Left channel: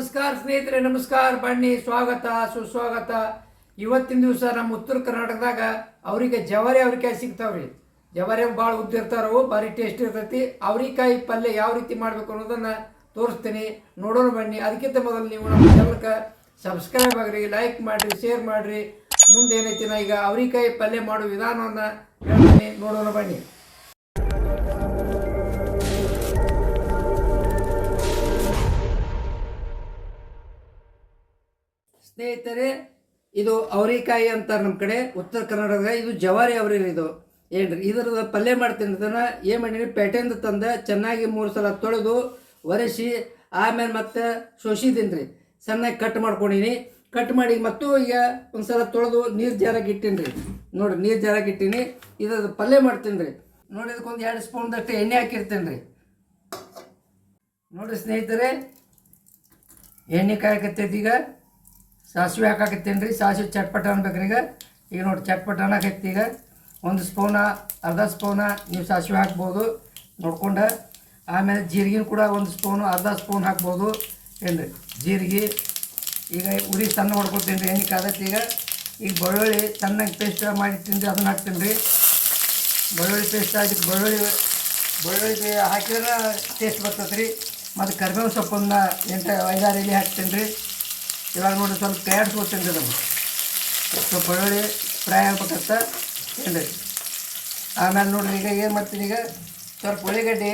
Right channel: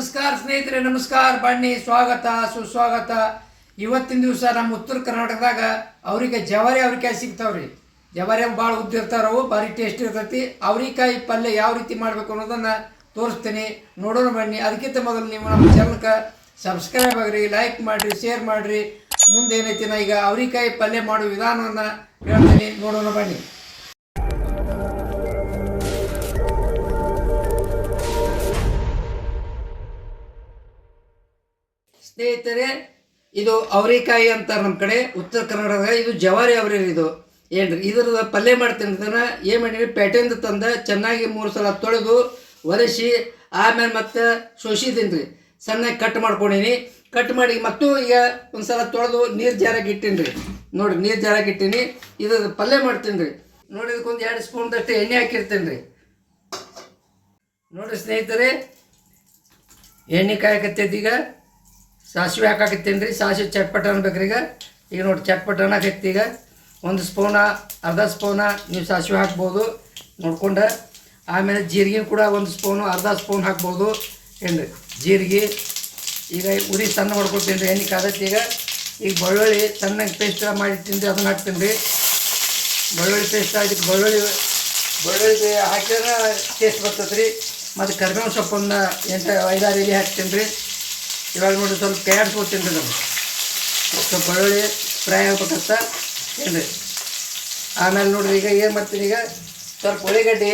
ನಮಸ್ಕಾರ ಸ್ನೇಹಿತರೆ, ನಮಸ್ಕಾರ. ಬನ್ನಿ, ಸ್ವಾಗತ ಸುಸ್ವಾಗತ. ಇವತ್ತಿನ ದಿವಸ ನಮ್ಮ ಉತ್ತರ ಕರ್ನಾಟಕದಾಗ ಅವರಿಗೆ ಜವಾರಿ ಅವ್ರಿಕಾಯಿ ಸಿಗ್ತಾವ್ರಿ. ಜವಾರಿ ಭಾಳ ಉದ್ದಿರ್ತಾರವು, ಭಾರಿ ಟೇಸ್ಟ್ ಇರ್ತೈತಿ. ಅವ್ರಿಕಾಯಿ ಪಲ್ಯ ಯಾವ ರೀತಿ ಮಾಡಬೇಕು ಅನ್ನೋದನ್ನು ತೋರಿಸ್ತೀನಿ, ನೋಡೋಣ ಬನ್ನಿ. ಅದಕ್ಕಿಂತ ಮೊದಲು ನೀವು ನಮ್ಮ ಚಾನಲ್ಗೆ ಸಬ್ಸ್ಕ್ರೈಬ್ ಆಗಿರಿ, ಲೈಕ್ ಮಾಡಿರಿ, ಶೇರ್ ಮಾಡಿರಿ. ಮುಂದೆ ಏನೈತಿ ನಾ ಈಗ ಅವ್ರಿಕಾಯಿ ಪಲ್ಯ ಮಾಡೋ ವಿಧಾನವನ್ನು ಹೇಳ್ತೀನಿ, ನೋಡೋಣ ಬನ್ನಿ. ಸ್ನೇಹಿತರೆ, ಇದು ಅವರಿಕಾಯಿ ಅಂತಾರೆ ನಮ್ಮ ಕಡೆ ಉತ್ತರ ಕರ್ನಾಟಕದಾಗ. ಇದು ಜವಾರಿ ಅವರಿ. ಇದು ಏನ್ರಿ, ಇದ್ರದ್ದು ಪಲ್ಯ ಮಾಡ್ತೀನಿ. ಇದನ್ನು ಏನು ಮಾಡೀನಿ, ಪೇಟೆಯಿಂದ ತಂದ ಚೆನ್ನಾಗಿ 3 ಸಲ ತೊಳೆದು ಒರೆಸಿ ಆಮೇಲೆ ಮತ್ತೆ ಸೋಸಿದ್ದೀನಿ ರೀ. ಸಣ್ಣಗೆ ಕಟ್ ಮಾಡ್ಕೊಂಡೀನಿ. ಕಟ್ ಮಾಡಿ ಮತ್ತು ಈಗ ಒಂದು ಸಲ ತೊಳೆದು ನೀರು ಜಾರಾಗಿ ಇಟ್ಟೀನಿ ರೀ. ನೋಡಿ, ನೀರು ಜಾರಾಗಿ ಇಟ್ಟೀನಿ. ಇದ್ರದ್ದು ಪಲ್ಯ ಮಾಡ್ತೀನಿ ರೀ. ನೋಡಿ, ಇದಕ್ಕೊಂದು 2 ಸ್ಪೂನ್ದಷ್ಟು ಎಣ್ಣೆ ಹಾಕಿರ್ತೀನಿ ರೀ. ನೋಡಿ ಸ್ನೇಹಿತರೆ, ಎಣ್ಣೆ ಕಾಯಕತ್ತೈತಿ. ಈಗ ಸಾಸಿವೆ ಹಾಕಾಕತ್ತೀನಿ ರೀ. ಸಾಸಿವೆ ಚಟ್ಪಟ ಅನ್ಬೇಕ್ರಿ. ಈಗ ನೋಡಿ, ಚಟ್ಪಟ ಅನ್ನಕೈತಿ. ಈಗ 1 ಸ್ಪೂನ, ಅರ್ಧ ಸ್ಪೂನ ನೀವು ಸಾಸಿವೆ ಹಾಕ್ಬೋದು ನೋಡ್ಕೊಂಡು. ಆಮೇಲೆ ಜೀರಿಗೆ ಕೂಡ 1 ಸ್ಪೂನು, ಅರ್ಧ ಸ್ಪೂನ್ ಹಾಕ್ಬೋದು. ಏನು ಜೀರಿಗೆ ಈಗ ಉರಿ ಸಣ್ಣ ಮಾಡ್ಕೊತೀನಿ ರೀ. ಎಣ್ಣೆ ಕಾದೈತಿ. ಈಗ ಬೆಳ್ಳುಳ್ಳಿ ಸಣ್ಣಗೆ ಪೇಸ್ಟ್ ಮಾಡಿರ್ತೀನಿ ರೀ, ಅದನ್ನು ಹಾಕ್ತೀನಿ ರೀ. ಬೆಳ್ಳುಳ್ಳಿ ಪೇಸ್ಟ್ ಆಗಿತ್ತು. ಬೆಳ್ಳುಳ್ಳಿ ಹಾಕಿದ್ರೆ ಟೇಸ್ಟ್ ಬರ್ತದೆ ರೀ. ಮತ್ತು ಕರಿಬೇವು ಸೊಪ್ಪನ್ನು 5-6 ಎಲೆ ಹಾಕ್ತೀನಿ ರೀ. ಇವಾಗ ನೋಡಿ, ಸ್ವಲ್ಪ ಕೈ ಆಡಿಸ್ಕೊತೀನಿ ರೀ. ನಮ್ಗೆ ಸ್ವಲ್ಪ ಬೆಳ್ಳುಳ್ಳಿ ಫ್ರೈ ಆಗ್ಬೇಕಂತ ಏನ್ರಿ. ಆಮೇಲೆ ನೋಡಿರಿ, ಈಗ ಏನು ಮಾಡ್ತೀನಿ, ಈಗ ಸ್ವಲ್ಪ ಉಳ್ಳಿಗಡ್ಡೆ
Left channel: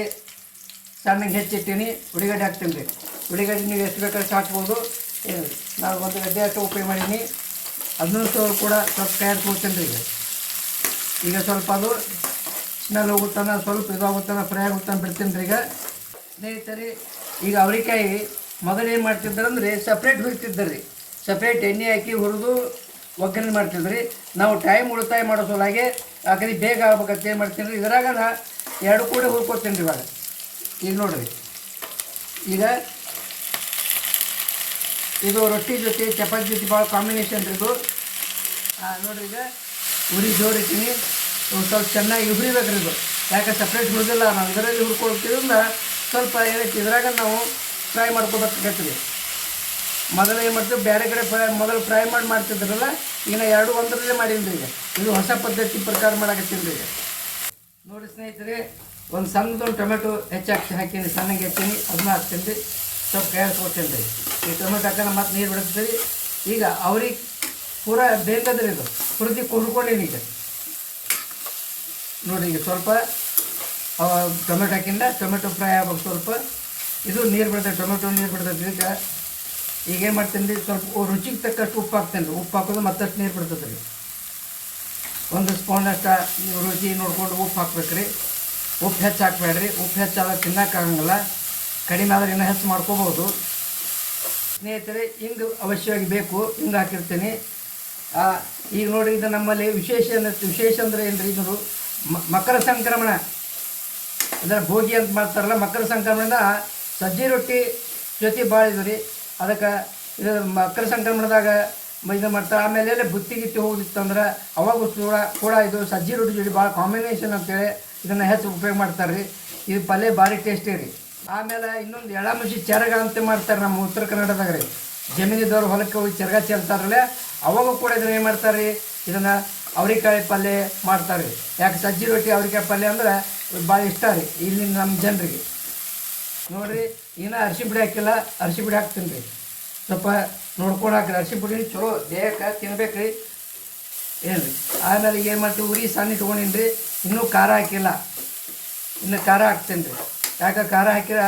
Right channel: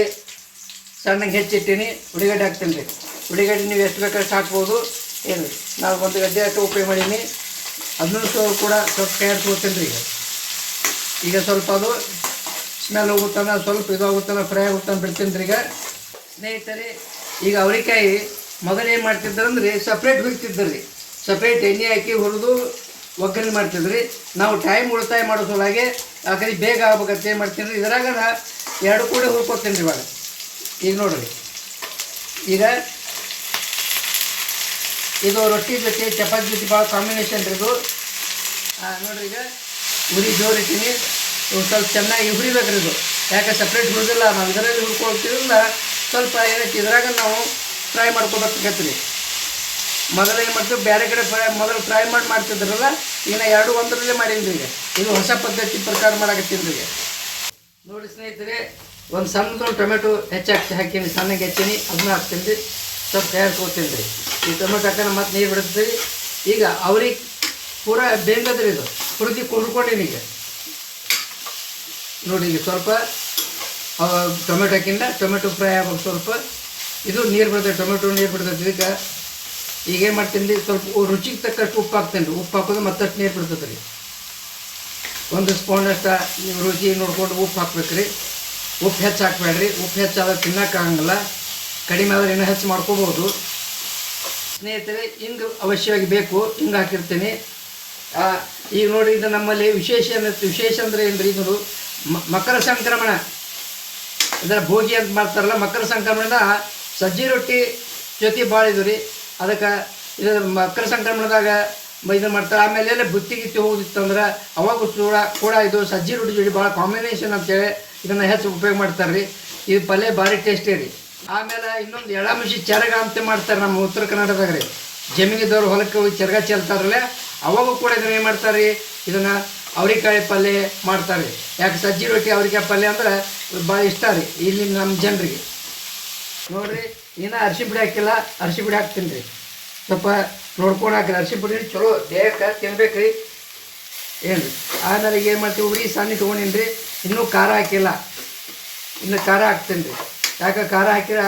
ಸಣ್ಣಗೆ ಹೆಚ್ಚಿಟ್ಟೀನಿ. ಉಳ್ಳಿಗಡ್ಡೆ ಹಾಕ್ತೀನಿ ರೀ. ಉಳ್ಳಿಗಡ್ಡೆ ನೀವು ಎಷ್ಟು ಬೇಕಾದ್ರೆ ಹಾಕ್ಬೋದು. ಏನು ನಾವು 1 ಗಡ್ಡೆ ಅಷ್ಟು ಉಪಯೋಗ ಮಾಡೀನಿ. ಅದನ್ನೂ ಕೂಡ ಸ್ವಲ್ಪ ಕೈ ಆಡಿಸ್ಕೊತೀನಿ ರೀ. ಈಗ ಸ್ವಲ್ಪ ಅದು ಸ್ಮೆಲ್ ಹೋಗುತ್ತಾನ, ಸ್ವಲ್ಪ ಇದಾಗುತ್ತಾನ, ಫ್ರೈ ಆಗುತ್ತಾನ ಬಿಡ್ತೀನಿ ರೀ. ಈಗ ಸ್ನೇಹಿತರೆ, ಈಗ ಅವರಿಕಾಯಿ ಮೊದಲು ಏನು ಮಾಡ್ತಿದ್ದಾರಂದ್ರೆ ಸಪ್ರೇಟ್ ಹುರಿತಿದ್ದರು ರೀ. ಸಪ್ರೇಟ್ ಎಣ್ಣೆ ಹಾಕಿ ಹುರಿದು ಒಗ್ಗರಣೆ ಮಾಡ್ತಿದ್ರಿ. ನಾವು ಟೈಮ್ ಉಳಿತಾಯ ಮಾಡೋ ಸಲುವಾಗಿ ಯಾಕಂದ್ರೆ ಬೇಗ ಆಗ್ಬೇಕಂತ ಏನು ಮಾಡ್ತೀನಿ ರೀ, ಇದ್ರಾಗ 2 ಕೂಡ ಹುರ್ಕೊತೀನಿ ರೀ ಇವಾಗ. ಈಗ ನೋಡಿರಿ, ಈಗ ಇದು ರೊಟ್ಟಿ ಜೊತೆ ಚಪಾತಿ ಜೊತೆ ಭಾಳ ಕಾಂಬಿನೇಷನ್ ರೀ ಇದು. ನೋಡಿರಿ, ಈಗ ಉರಿ ಜೋರು ಇಟ್ಟಿನಿ. ಸ್ವಲ್ಪ ಚೆನ್ನಾಗಿ ಹುರಿಬೇಕ್ರಿ ಇದು. ಯಾಕೆ ಸಪ್ರೇಟ್ ಹುರಿದಿಲ್ಲ, ನಾವು ಇದರಲ್ಲಿ ಹುರ್ಕೊಳ್ತಿದ್ರಿಂದ ಸ್ವಲ್ಪ ಏನೈತಿ ಇದ್ರಾಗ ನಾವು ಫ್ರೈ ಮಾಡ್ಕೊಬೇಕತ್ತೀವಿ. ಮೊದಲು ಏನು ಮಾಡ್ತೀವಿ, ಬೇರೆ ಕಡೆ ಮೊದಲು ಫ್ರೈ ಮಾಡ್ತಿದ್ರಲ್ಲ, ಈಗ 2 ಒಂದರಲ್ಲೇ ಮಾಡೀನಿ ಈಗ. ಇದು ಹೊಸ ಪದ್ಧತಿ ಪ್ರಕಾರ ಮಾಡಕತ್ತೀನಿ ಈಗ. ನೋಡಿ ಸ್ನೇಹಿತರೆ, ಒಂದು ಸಣ್ಣದೊಂದು ಟೊಮೆಟೊ ಹಾಕೀನಿ, ಸಣ್ಣಗೆ ಹೆಚ್ಚೀನಿ. ಅದನ್ನ ಹಾಕ್ತೀನಿ ರೀ. ಸ್ವಲ್ಪ ಕೈ ಆಡ್ಸ್ಕೊತೀನಿ ರೀ. ಈ ಟೊಮೆಟೊ ಹಾಕೋಣ ಮತ್ತೆ ನೀರು ಬಿಡ್ತೀವಿ. ಈಗ ಅವ್ರಿಗೆ ಪೂರ ಬೇಂಗದ್ರಿ ಇದು. ಹುರಿದು ಕುಡ್ಕೊಂಡೀನಿ ಈಗ. ನೋಡಿ, ಈಗ ಸ್ವಲ್ಪ ಟೊಮೆಟೊ ಹಾಕಿಂದ ಟೊಮೆಟೊ ಫ್ರೈ ಆಗ್ಬೇಕು. ಸ್ವಲ್ಪ ಇದು ನೀರು ಬಿಡ್ತೈತೆ, ಟೊಮೆಟೊ ನೀರು ಬಿಡ್ತೈತಿ. ಈಗೇನು ಮಾಡ್ತೀನಿ ರೀ, ಸ್ವಲ್ಪ ರುಚಿಗೆ ತಕ್ಕಷ್ಟು ಉಪ್ಪು ಹಾಕ್ತೀನಿ ರೀ. ಉಪ್ಪು ಹಾಕೋದು ಮತ್ತಷ್ಟು ನೀರು ಬಿಡ್ತದೆ ರೀ. 1 ಸ್ಪೂನಷ್ಟು ನೀವು ರುಚಿ ನೋಡ್ಕೊಂಡು ಉಪ್ಪು ಹಾಕ್ಬೇಕು ರೀ. ಉಪ್ಪು ಹೆಚ್ಚು ಹಾಕ್ಬೇಡ್ರಿ. ಉಪ್ಪು ಹೆಚ್ಚಾದ್ರೆ ತಿನ್ನೋಕ್ಕಾಗಂಗಿಲ್ಲ. ಕಡಿಮೆ ಆದರೆ ಇನ್ನೂ ಹೆಚ್ಚು ಮಾಡ್ಕೋಬೋದು. ಸ್ನೇಹಿತರೆ, ಹಿಂಗೆ ಅವಶ್ಯವಾಗಿ ಬೇಕು. ಹಿಂಗೆ ಹಾಕಿರ್ತೀನಿ. ಈಗ ನೋಡಿ, ಇದು ನಮ್ಮಲ್ಲಿ ವಿಶೇಷ ಅಂದರೆ ಏನು ರೀ, ಇದು ಮಕರ ಸಂಕ್ರಮಣ, ಅದರ ಭೋಗಿ ಅಂತ ಮಾಡ್ತಾರಲ್ಲ, ಮಕರ ಸಂಕ್ರಮಣದ ಸಜ್ಜಿ ರೊಟ್ಟಿ ಜೊತೆ ಭಾಳ ಇದು ರೀ. ಅದಕ್ಕೆ ಇದು ಮಕರ ಸಂಕ್ರಮಣದಾಗ ಇದು ಮಾಡ್ತಾರೆ. ಆಮೇಲೆ ಎಲ್ಲ ಬುತ್ತಿ ಹೋಗುದಿತ್ತಂದ್ರೆ ಅವಾಗ ಕೂಡ ಇದು ಸಜ್ಜಿ ರೊಟ್ಟಿ ಜೋಡಿ ಭಾಳ ಕಾಂಬಿನೇಷನ್ ಅಂತೇಳಿ ಇದನ್ನು ಹೆಚ್ಚು ಉಪಯೋಗ ಮಾಡ್ತಾರೆ ರೀ. ಇದು ಪಲ್ಯ ಭಾರಿ ಟೇಸ್ಟಿ ರೀ. ಆಮೇಲೆ ಇನ್ನೊಂದು ಎಳಮುಷಿ ಚರಗ ಅಂತ ಮಾಡ್ತಾರೆ ನಮ್ಮ ಉತ್ತರ ಕರ್ನಾಟಕದಾಗ ರೀ. ಜಮೀನಿದವ್ರು ಹೊಲಕ್ಕೆ ಹೋಗಿ ಚರಗ ಚೆಲ್ತಾರಲ್ಲ, ಅವಾಗೂ ಕೂಡ ಇದನ್ನು ಏನು ಮಾಡ್ತಾರೆ ರೀ, ಇದನ್ನು ಅವ್ರಿಕಾಯಿ ಪಲ್ಯ ಮಾಡ್ತಾರೆ ರೀ. ಯಾಕೆ ಸಜ್ಜಿ ರೊಟ್ಟಿ ಅವ್ರಿಕಾಯಿ ಪಲ್ಯ ಅಂದ್ರೆ ಭಾಳ ಇಷ್ಟ ರೀ ಇಲ್ಲಿ ನಮ್ಮ ಜನರಿಗೆ. ನೋಡಿರಿ, ಇನ್ನೂ ಅರಿಶಿ ಪುಡಿ ಹಾಕಿಲ್ಲ. ಅರಿಶಿ ಪುಡಿ ಹಾಕ್ತೀನಿ ರೀ. ಸ್ವಲ್ಪ ನೋಡ್ಕೊಂಡು ಹಾಕಿರಿ. ಅರಿಶಿ ಪುಡಿ ಚಲೋ ದೇಹಕ್ಕೆ ತಿನ್ಬೇಕು ರೀ. ಏನು ರೀ, ಆಮೇಲೆ ಏನು ಮಾಡ್ತೀವಿ, ಉರಿ ಸಣ್ಣ ತೊಗೊಂಡಿನಿ ರೀ. ಇನ್ನೂ ಖಾರ ಹಾಕಿಲ್ಲ. ಇನ್ನು ಖಾರ ಹಾಕ್ತೀನಿ ರೀ. ಯಾಕೆ ಖಾರ ಹಾಕಿರ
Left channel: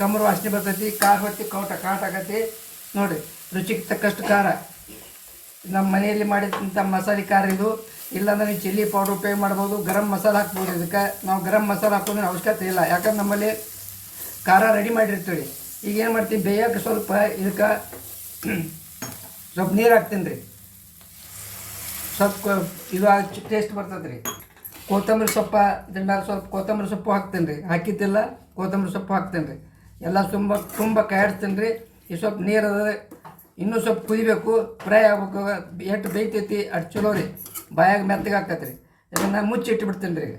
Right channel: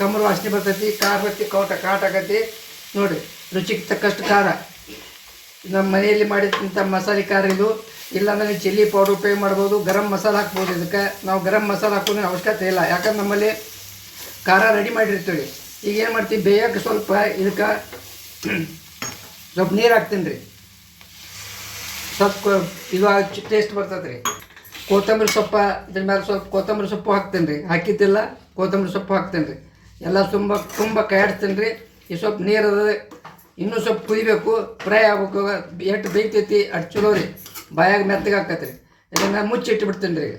ಕಮ್ಮರು ವಾಸನೆ ಬರ್ತೈತಿ, ಖಾರ ಬತ್ತಿ ಕಾಟ ಆಕತಿ. ನೋಡಿರಿ, ರುಚಿಗೆ ತಕ್ಕಷ್ಟು ಖಾರ. ನಮ್ಮ ಮನೆಯಲ್ಲಿ ಮಾಡಿದಂಥ ಮಸಾಲೆ ಖಾರ ಇದು. ಇಲ್ಲಾಂದ್ರೆ ನೀವು ಚಿಲ್ಲಿ ಪೌಡ್ರ್ ಉಪಯೋಗ ಮಾಡ್ಬೋದು. ಗರಂ ಮಸಾಲೆ ಹಾಕ್ಬೋದು. ಇದಕ್ಕೆ ನಾವು ಗರಂ ಮಸಾಲೆ ಹಾಕೋದ್ರೆ ಅವಶ್ಯಕತೆ ಇಲ್ಲ. ಯಾಕಂದ್ರೆ ನಮ್ಮಲ್ಲಿ ಖಾರ ರೆಡಿ ಮಾಡಿರ್ತೀವಿ. ಈಗ ಏನು ಮಾಡ್ತೀವಿ, ಬೇಯಕ್ಕೆ ಸ್ವಲ್ಪ ಇದಕ್ಕೆ ಸ್ವಲ್ಪ ನೀರು ಹಾಕ್ತೀನಿ ರೀ. ಸ್ವಲ್ಪ ಇದು ಟೇಸ್ಟ್ ಬರ್ತದೆ ರೀ. ಕೊತ್ತಂಬರಿ ಸೊಪ್ಪು ಇದ್ರ ಮೇಲೆ ಸ್ವಲ್ಪ ಕೊತ್ತಂಬರಿ ಸೊಪ್ಪು ಹಾಕ್ತೀನಿ ರೀ. ಹಾಕಿದ್ದಿಲ್ಲ, ಕೊತ್ತಂಬರಿ ಸೊಪ್ಪು ಹಾಕ್ತೀನಿ ರೀ. ಎಲ್ಲ ತುಂಬ ಕೈ ಆಡಿಸ್ತೀನಿ ರೀ. ಈ ಸ್ವಲ್ಪ ನೀರು ಅದ, ಇನ್ನೂ ಸ್ವಲ್ಪ ಕುದಿಬೇಕು, ಫ್ರೈ ಆಗ್ಬೇಕು. ಎಷ್ಟು ಬೇಯ್ತೈತಿ ಅಷ್ಟು ಚಲೋ ರೀ. ಬಾಯಾಗ ಮೆತ್ತಗೆ ಹಾಕತ್ತೆ ರೀ. ಇದನ್ನು ಮುಚ್ಚಿಟ್ಬಿಡ್ತೀನಿ ರೀ.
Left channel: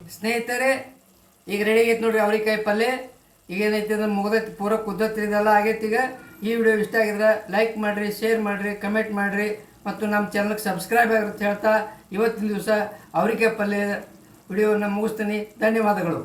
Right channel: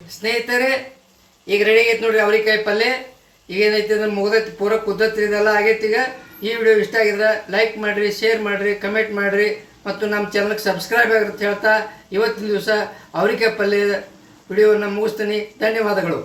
ಈಗ ಸ್ನೇಹಿತರೆ, ಈಗ ರೆಡಿ ಆಗೈತೆ ನೋಡಿರಿ ಅವ್ರಿಕಾಯಿ ಪಲ್ಯ. ಈಗ ಏನೈತಿ ಅಂದ್ರೆ ಮುಗ್ದೈತಿ, ಪೂರ ಕುದ್ದತ್ರಿ. ಇದೆಲ್ಲ ಆಗೈತಿ. ಈಗ ಈ ವಿಡಿಯೋ ಇಷ್ಟ ಆಗಿದ್ರೆ ಲೈಕ್ ಮಾಡಿರಿ, ಶೇರ್ ಮಾಡಿರಿ, ಕಮೆಂಟ್ ಮಾಡಿರಿ ಮತ್ತು ನಮ್ಮ ಚಾನಲ್ಗೆ ಸಬ್ಸ್ಕ್ರೈಬ್ ಆಗಿರುತ್ತೆ ಹೇಳ್ತಾ ಇವತ್ತಿನ ದಿವಸ ಅವರಿಕಾಯಿ ಪಲ್ಯ ವಿಡಿಯೋವನ್ನು ಮುಗಿಸ್ತೀನಿ. ಧನ್ಯವಾದಗಳು.